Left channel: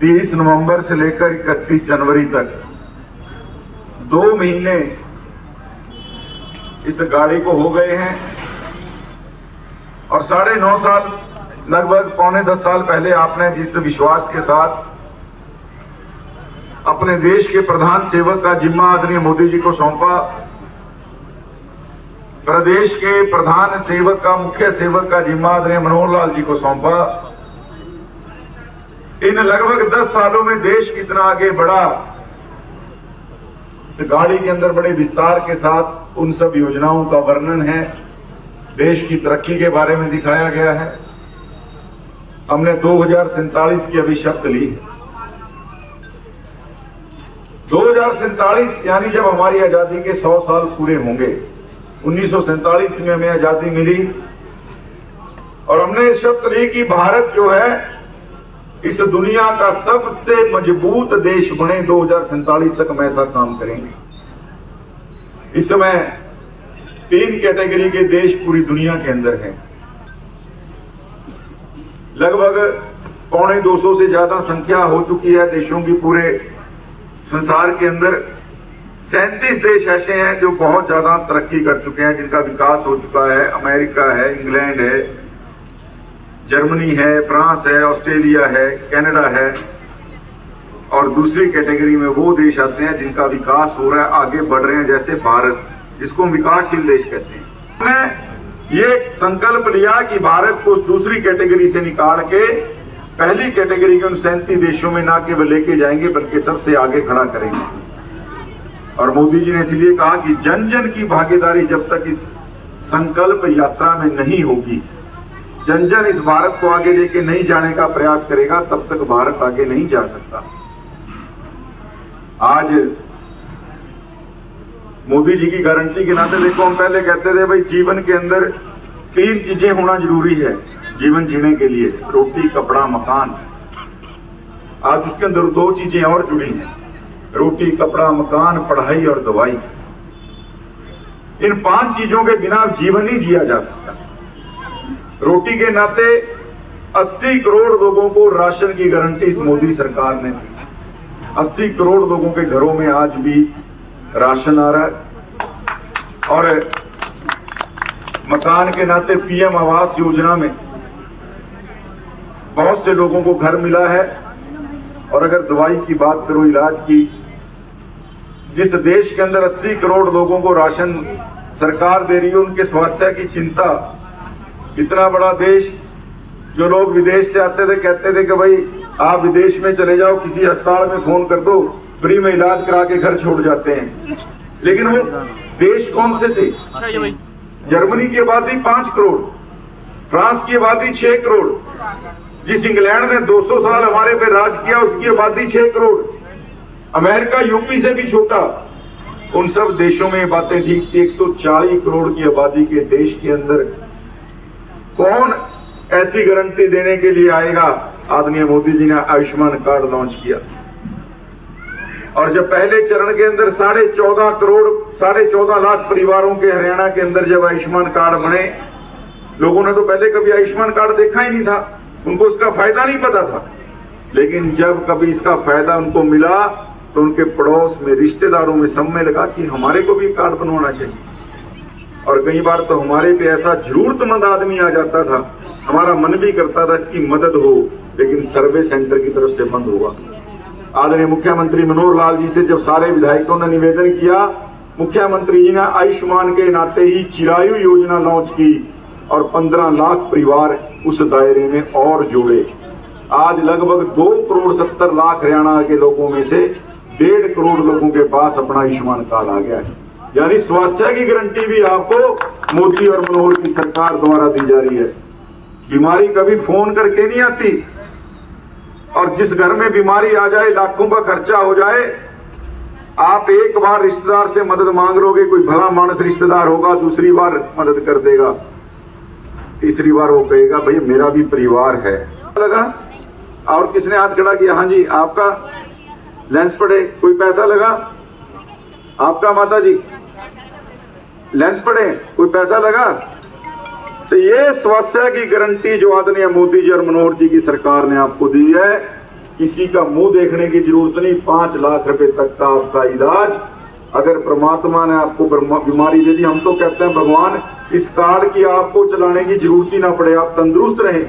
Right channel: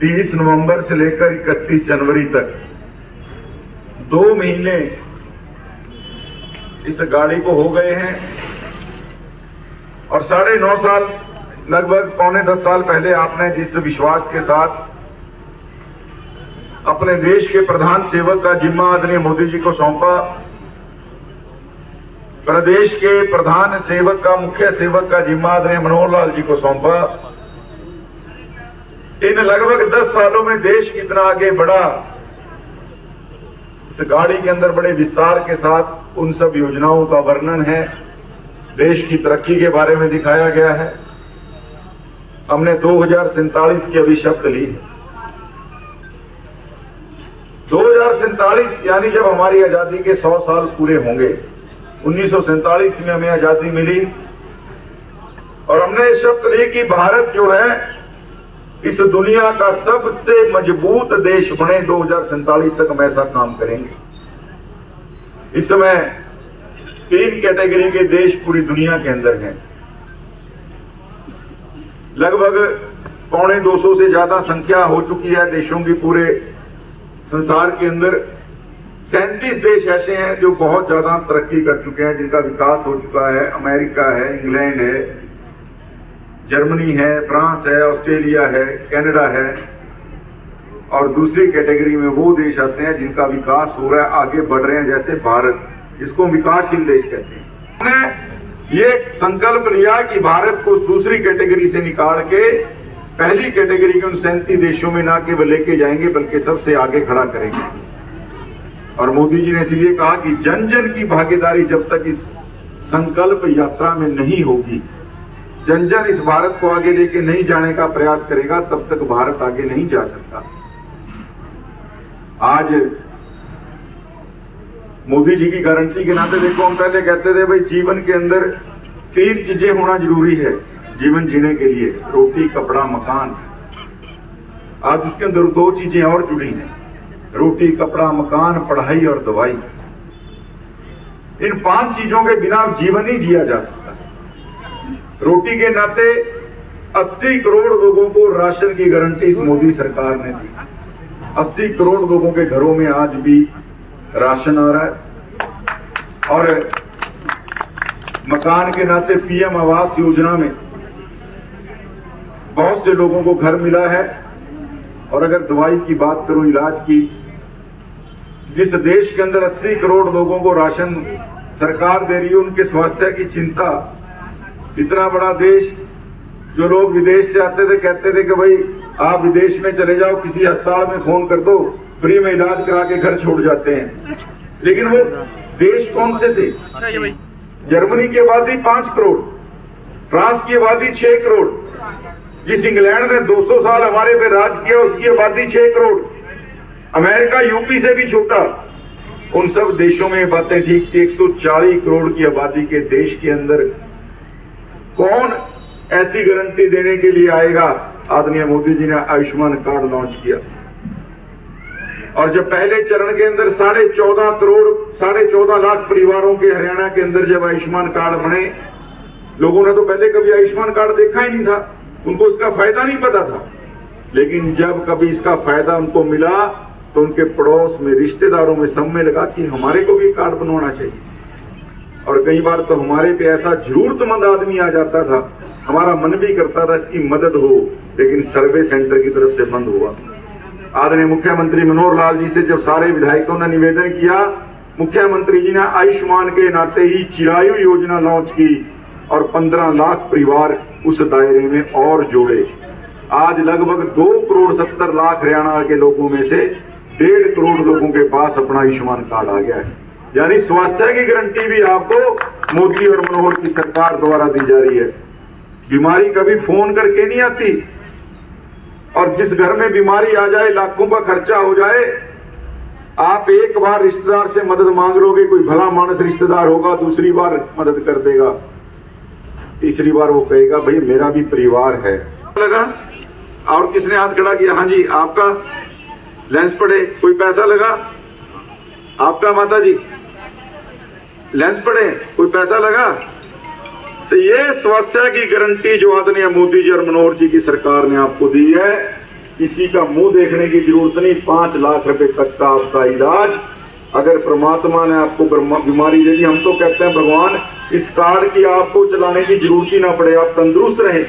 30 नवंबर से लेकर 31 जनवरी तक 2 महीने इस गाड़ी को हो गए हैं और 9.5 साल, लगभग 9.25 साल पहले आपने जिस विश्वास के साथ अपने देश के प्रधान सेवक का जिम्मा आदरणीय मोदी जी को सौंपा, प्रदेश के प्रधान सेवक का, मुख्य सेवक का जिम्मा आदरणीय मनोहर लाल जी को सौंपा, इन लगभग 10 सालों में देश कितना आगे बढ़ा, इस गाड़ी के अंदर बड़े विस्तार के साथ उन सब योजनाओं का वर्णन है, देश की तरक्की के बारे में दिखाया गया है। हमने 2047 की अभी शर्त ली है। 2047 यानी जब हमारी आजादी के 100 साल पूरे होंगे। 1947 में हमें आजादी मिली और हमने शर्त ली कि भारत जो है इस दुनिया का सबसे मजबूत देश बने। 2047 तक हम ऐसा काम करेंगे। इस समय 3 कैटेगरी के देश पूरी दुनिया के अंदर हैं। लगभग 250 से ज्यादा संख्या हो चुकी है देशों की पूरे संसार के अंदर। 37 देश ऐसे हैं जो बहुत ज्यादा तरक्की कर चुके हैं, जिनका विकास हो चुका है। अमेरिका है, इंग्लैंड है, जर्मनी है, फ्रांस है, ऑस्ट्रेलिया है, कनाडा है। और दूसरी कैटेगरी में वो देश आते हैं जिनका विकास हो रहा है, आगे बढ़ रहे हैं, जैसे भारत, जिसको विकासशील देश कहते हैं। हमने ये संकल्प लिया कि भारत को उस दूसरी कैटेगरी से निकाल के पहली कैटेगरी के उन 37 देशों में ना केवल लेके जाएंगे बल्कि सबसे आगे खड़ा करेंगे। और मोदी जी ने इसलिए कहा कि जन जन की भागीदारी जब तक इस संकल्प यात्रा में नहीं होगी, जन जन इस भारत को आगे लेके नहीं जाने का प्रयास करेगा, तब तक भारत आगे नहीं जा सकता। आज मोदी जी की गारंटी के नाते देखो, हम पहले कहते थे भाई जीवन के अंदर 3 चीजें होना जरूरी है जीवन जीने के लिए, रोटी, कपड़ा, मकान। आज उसके अंदर 2 चीजें और जुड़ी हैं, रोटी, कपड़ा, मकान, पढ़ाई और दवाई। इन 5 चीजों के बिना जीवन ही जिया जा सकता। रोटी के नाते 80 करोड़ लोगों को राशन की गारंटी इस मोदी सरकार ने दी। 80 करोड़ लोगों के घरों में आज भी राशन आ रहा है। और मकान के नाते पीएम आवास योजना में बहुत से लोगों को घर मिला है। और अगर दवाई की बात करूं, इलाज की, जिस देश के अंदर 80 करोड़ लोगों को राशन सरकार दे रही है, उनके स्वास्थ्य की चिंता। इतना बड़ा देश, जो लोग विदेश से आते थे कहते थे कि भाई आप विदेश में चले जाओ, किसी अस्पताल में फोन कर दो, फ्री में इलाज करा के घर छोड़ जाते हैं। लेकिन वो देश कौन से थे? जर्मनी की आबादी 5 करोड़, फ्रांस की आबादी 6 करोड़, जिस इंग्लैंड ने 200 साल हमारे पे राज किया उसकी आबादी 6 करोड़, अमेरिका यूपी से भी छोटा। उन सब देशों में बातें ठीक थी। 140 करोड़ की आबादी के देश के अंदर कौन ऐसी गारंटी देने के लिए आएगा? आदरणीय मोदी जी ने आयुष्मान कार्ड लॉन्च किया। और जब पहले चरण के अंदर 14.5 लाख परिवारों के हरियाणा के अंदर जब आयुष्मान कार्ड बने, लोगों ने तो पहले कभी आयुष्मान कार्ड देखा ही नहीं था, उनको उसका फायदा नहीं पता था। लेकिन जब कभी इसका फायदा उनको मिला तो उनके पड़ोस में, रिश्तेदारों में, सब में लगा कि हमारे को भी कार्ड बनवाना चाहिए। और कई बार तो हमारे पे ऐसा जरूरतमंद आदमी आ जाता था, हमारा मन भी करता था इसकी मदद हो, लेकिन सर्वे सेंटर की तरफ से बंद हुआ। आदरणीय मुख्यमंत्री मनोहर लाल जी से जब सारे विधायकों ने निवेदन किया, मुख्यमंत्री जी ने आयुष्मान के नाते ही चिरायु योजना लॉन्च की और 15 लाख परिवार उस दायरे में और जोड़े। आज लगभग 2 करोड़ 70 लाख हरियाणा के लोगों में से 1.5 करोड़ लोगों के पास अपना आयुष्मान कार्ड आ गया है। यानी स्वास्थ्य की गारंटी भी आपको मोदी और मनोहर की सरकार द्वारा दी जा रही है। बीमारी कभी फोन करके नहीं आती, और जिस घर में बीमारी आ जाए, लाखों का खर्चा हो जाए, आप एक बार रिश्तेदार से मदद मांग लोगे, कोई भला मानस रिश्तेदार होगा, दूसरी बार मदद कर देगा, तीसरी बार वो कहेगा भाई मेरा भी परिवार है। लगा? और किसने हाथ खड़ा किया? हाँ जी, आपका लेंस पड़े, कोई पैसा लगा? आपका माता जी लेंस पड़े, कोई पैसा लगा? तो ये स्वास्थ्य की गारंटी जो आदरणीय मोदी जी और मनोहर जी की सरकार ने आपको दी है, किसी का मुंह देखने की जरूरत नहीं, 5 लाख रुपए तक का आपका इलाज अगर परमात्मा ने आपको बीमारी दे दी। हम तो कहते हैं भगवान इस कार्ड की आपको चलाने की जरूरत ही ना पड़े, आप तंदुरुस्त रहें।